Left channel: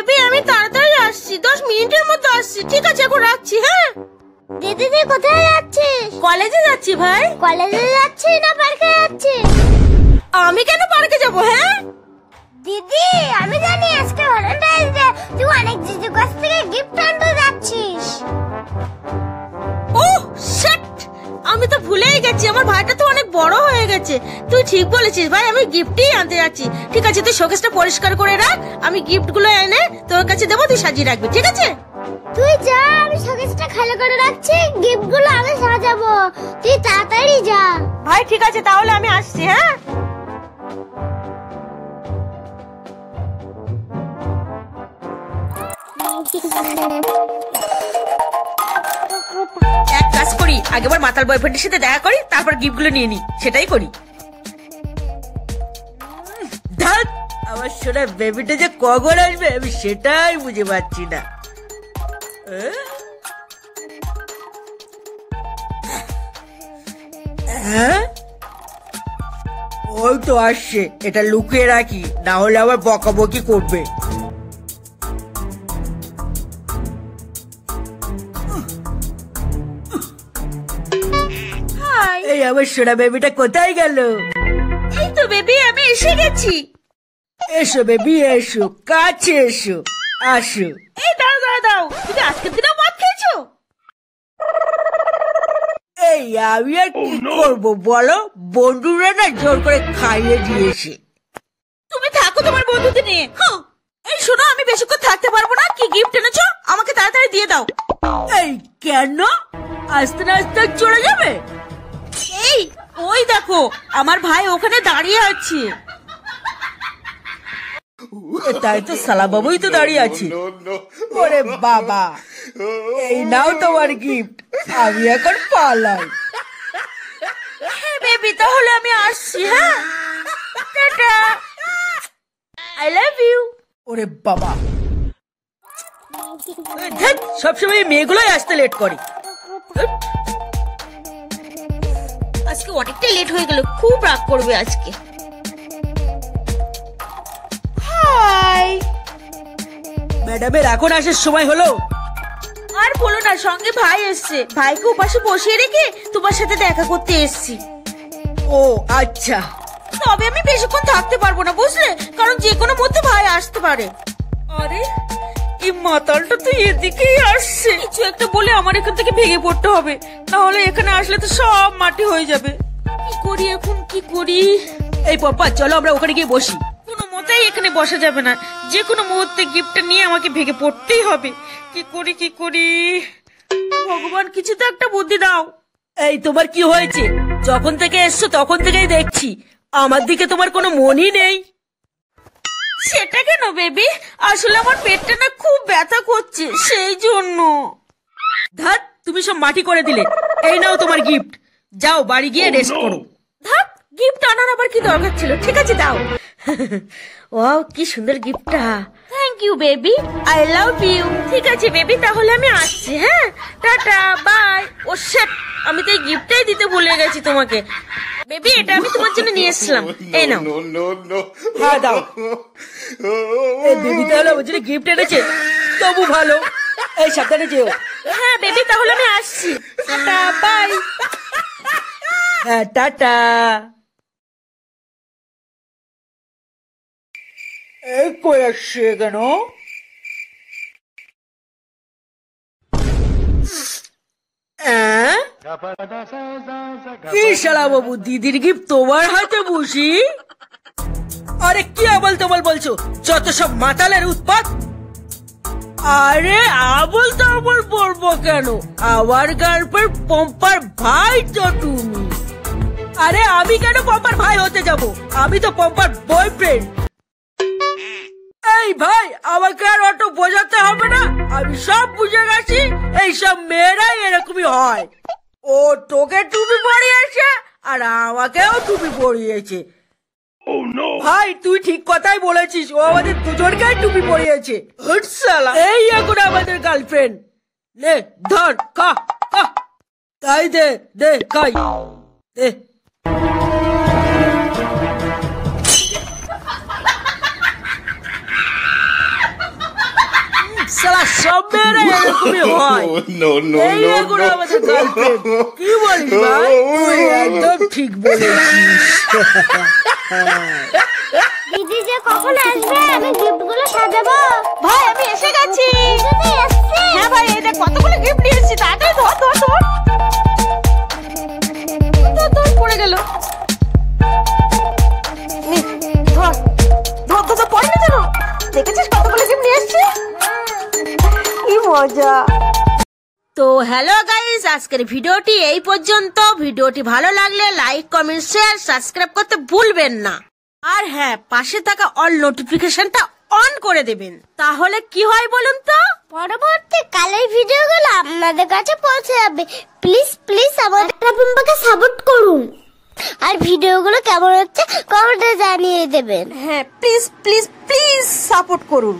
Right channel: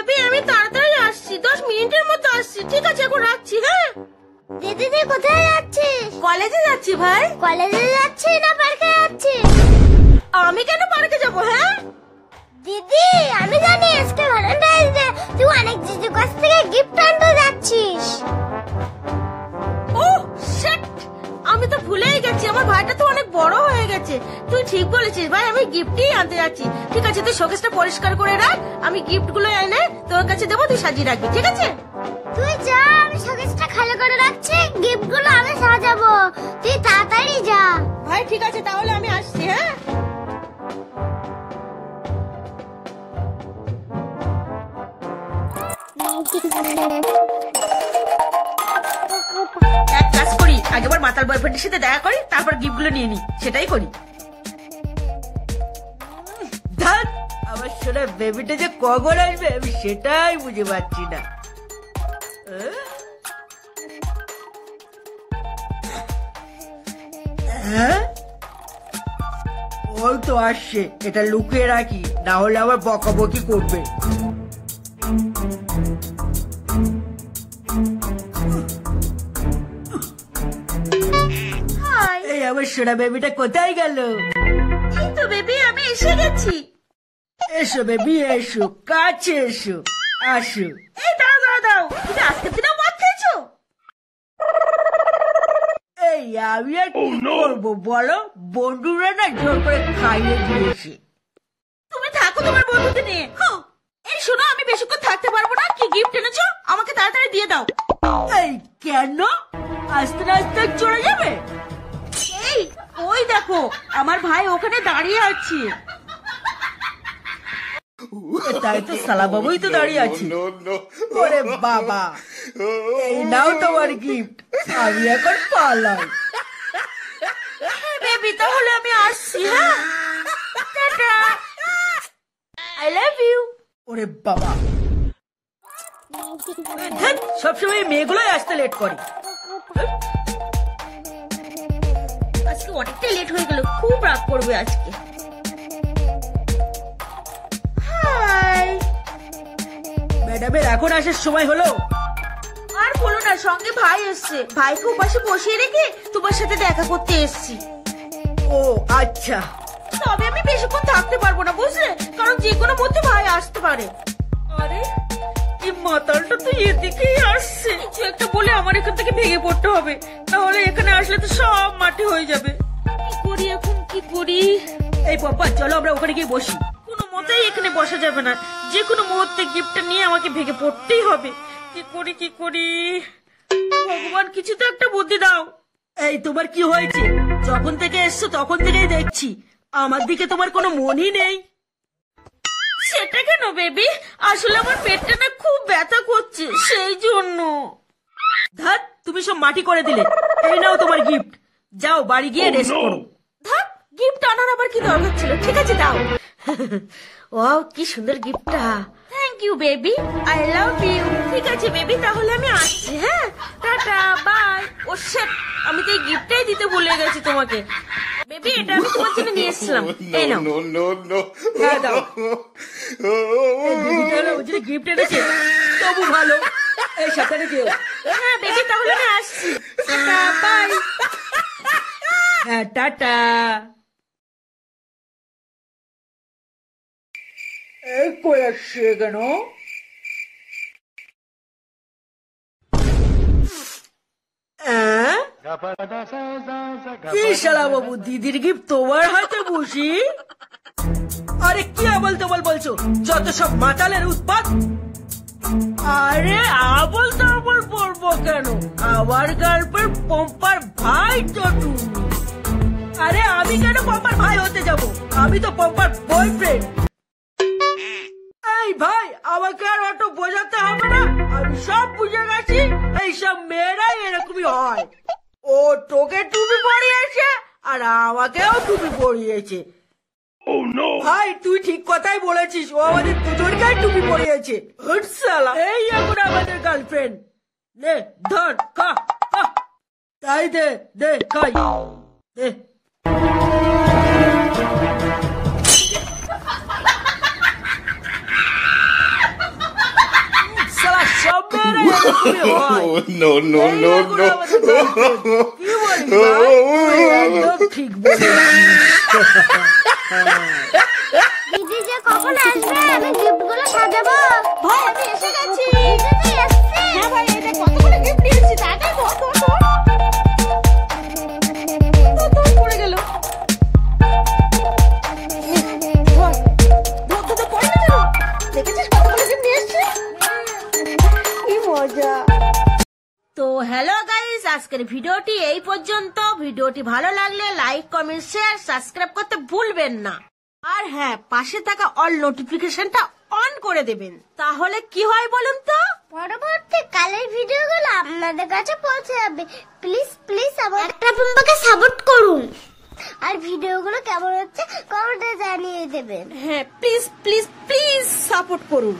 Baby আমি তাড়াতাড়ি আসছি, 10 মিনিটের মধ্যে আসছি। ঠিক আছে এখন রাখছি। হ্যাঁ দিদি তুই কোথায় যাচ্ছিস? কলেজে যাচ্ছি ভাই। কলেজে যাচ্ছিস না পার্কে যাচ্ছিস? আমি কেন পার্কে যাবো? হ্যাঁ দিদি আমি জানি আজকে ভ্যালেন্টাইন্স ডে, তুই অনেক জিজুর কাছ থেকে গিফট আনতে যাচ্ছিস। ও শিট, আমি তো ভুলেই গেছি, আমার ভাইটা তো অনেক বড় হয়ে গেছে। তুই ঠিক বলেছিস ভাই, আমি গিফটই আনতে যাচ্ছি। ঠিক আছে তুই শোকেসটা পরিষ্কার করে রাখ, আমি গিফট গুলো এনে তোর কাছে দেবো, তুই সাজিয়ে রাখবি। ঠিক আছে তুই যা, আমি শোকেসটা খালি করে রাখছি, গিফট গুলো আমি সাজাবো, তুই তাড়াতাড়ি যা। ভাই ঠিক আছে তাহলে আমি আসছি। হ্যাঁ এক কাজ করি, আগেবার মাতাল বয়ফ্রেন্ডের সাথে দেখা করি, তারপর গিফট গুলো নিয়ে নি, সেটাই করি। আমার সোনা বেবিটা যে কখন আসবে আমি সেটাই বুঝে পাচ্ছি না। ওই তো আসছে, এটা লুকিয়ে রাখি, না হলে আবার বকাবকি করবে। এই আমার সোনা বেবিটা কোথায় গেল? এই তো বেবি আমি এসে গেছি। এসো বেবি এসো, কাছে এসো, আসো। এই দাও দাও দাও, তুমি আজকের দিনে মদ খেয়েছো? এই আমি আর কি করবো বলো, বন্ধুরা না জোর করে খাইয়ে দিয়েছে। তুমি থাকো তোমার বন্ধুকে নিয়ে। এই শোনো আমি বেশিক্ষণ থাকতে পারবো না, কি গিফট এনেছো আমাকে তাড়াতাড়ি দিয়ে দাও। এই কেন আস্তে আস্তে চলে যাবে? এই ওই দেখো আমার ভাই ওখানে দাঁড়িয়ে আছে। তাই তো সালা বাবুই তো দাঁড়িয়ে আছে। ওরে বাবা, এই নাও তোমার গিফট, আমি এখন পালাই। বেবি তাহলে আমি আসছি। হ্যাঁ টাটা, আই লাভ ইউ। ওরে বাবা, সবসময় মেয়েগুলোই আসতে লেট করে। আজকে অনেকটা লেট হয়ে গেল, খুব রাগ করবে আজকে। ম্যাডামের এখন আসার সময় হলো। আর বলো না, সঙ্গে ভাই এসছে, ভাইকে উপাসে বসিয়ে রেখে তোমার সাথে দেখা করতে এসছি। ও আচ্ছা, তবে আমি বেশিক্ষণ থাকতে পারবো না বুঝলে, কারণ যে কোনো মধ্যে ভাই আসতে পারে। আরে এই মাতালটা তো এদিকেই আসছে, কিছু একটা বলে আমার এখান থেকে ভেঙে পড়তে হবে, নাহলে এখানে আসলে তো সব মাটি হয়ে যাবে। কি করি এখন, কি করি? এই পাপা চলো আমরা ওখানে গিয়ে বসি। কোনো মতেই এখানে বসা যাবে না, যে কোনো মুহূর্তে গিফটটা নিয়ে আমাকে ভেঙে পড়তেই হবে। কি করি কি করি, ভগবান কিছু তো একটা বুদ্ধি দাও। এই তোমার কি হয়েছে? যখন থেকে এসছো তখন থেকেই দেখছি আমার দিকে তোমার কোনো মনই নেই। সেটা কেন বেবি, আসলে আমার পেটটা না খুব ব্যথা করছে সেই জন্য। ধ্যাৎ তুমি সব মাটি করে দিলে। এই নাও তোমার গিফট, যাও বাড়ি গিয়ে রেস্ট করো। ধ্যাৎ গিফট আনার আবার কি দরকার ছিল? ঠিক আছে দাও। ওয়াও কি সুন্দর গিফটটা, thank you baby, I love you. ঠিক আছে বেবি তাহলে আমি আসছি। হ্যাঁ টাটা বাই। ও শিট, আমি তো এই গিফটটাই দিতে ভুলে গেছি তোমাকে। বেবি এটা আমি তোমার জন্য নিয়ে এসেছিলাম, এই নাও। হ্যাঁ দাও। এই বেবি তাহলে আমার জন্য গিফট এনেছে, তবু ভালো। এই সাথে যেও। হ্যাঁ বেবি তাহলে আমি আসছি, টাটা বাই। হ্যাঁ টাটা। এই কই আসছে কেন? কি শালা বাবু, দিদির গিফট তোমার হাতে বসি? আরে কি আবল তবল বলছো, যত সব মাতালের উৎপাত। আরে আবল তবল বলবো কেন, আমার গার্লফ্রেন্ড পম্পার ভাই তো তুমি। আরে আমি কেন পম্পার ভাই হতে যাব, আমি তো পম্পার বয়ফ্রেন্ড। এই ভাই আমাকে আর অত বোঝাতে হবে না, আমি সব বুঝে গেছি, এই সব মেয়েরাই এরকমই হয়। ও তোকে টুপি পরিয়েছে আর আমাকেও টুপি পরিয়েছে। ভাই তুই ঠিক কথাই বলেছিস, ও আমাদের দুজনকে টুপি পরিয়েছে। এই এখন আমাদের গার্লফ্রেন্ড। নে ধর খা খা, তাই দে দে খাই দে। এরকমই হয়। No, no, এই no, দেখুন no. আমাদের গল্প। কি বলিস ভাই? তুই একদম ঠিক বলেছিস। দিদি যে কখন আসবে আমি গিফট গুলো সাজাবো। ভাই আমি এসে গেছি। দিদি এসছে। হ্যাঁ ভাই এই দেখ কতগুলো গিফট নিয়ে এসেছি। তাড়াতাড়ি ধর ধর ধর। ধর পড়ে গেল। ধর ধর ধর পড়ে না যেন। দেখেছিস কতগুলো গিফট নিয়ে এসেছি? কি মজা। তো হ্যালো গাইস, আজকের ভিডিওটি এই পর্যন্ত। ভিডিওটি ভালো লাগলে লাইক কমেন্ট শেয়ার সাবস্ক্রাইব করতে ভুলবেন না। আর হ্যাঁ, পাশে থাকা অল নোটিফিকেশনটা অন করে দেবেন। তাহলে কি হয় বলুন তো? পরবর্তী কালের ভিডিওগুলো আপনাদের কাছে পৌঁছে যাবে। প্লিজ প্লিজ আমাদের পুম্পাকে সাপোর্ট করুন। আর ভিডিওগুলো কেমন হচ্ছে কমেন্টে জানিয়ে দেবেন। হ্যাঁ প্লিজ প্লিজ প্লিজ সাপোর্ট করুন।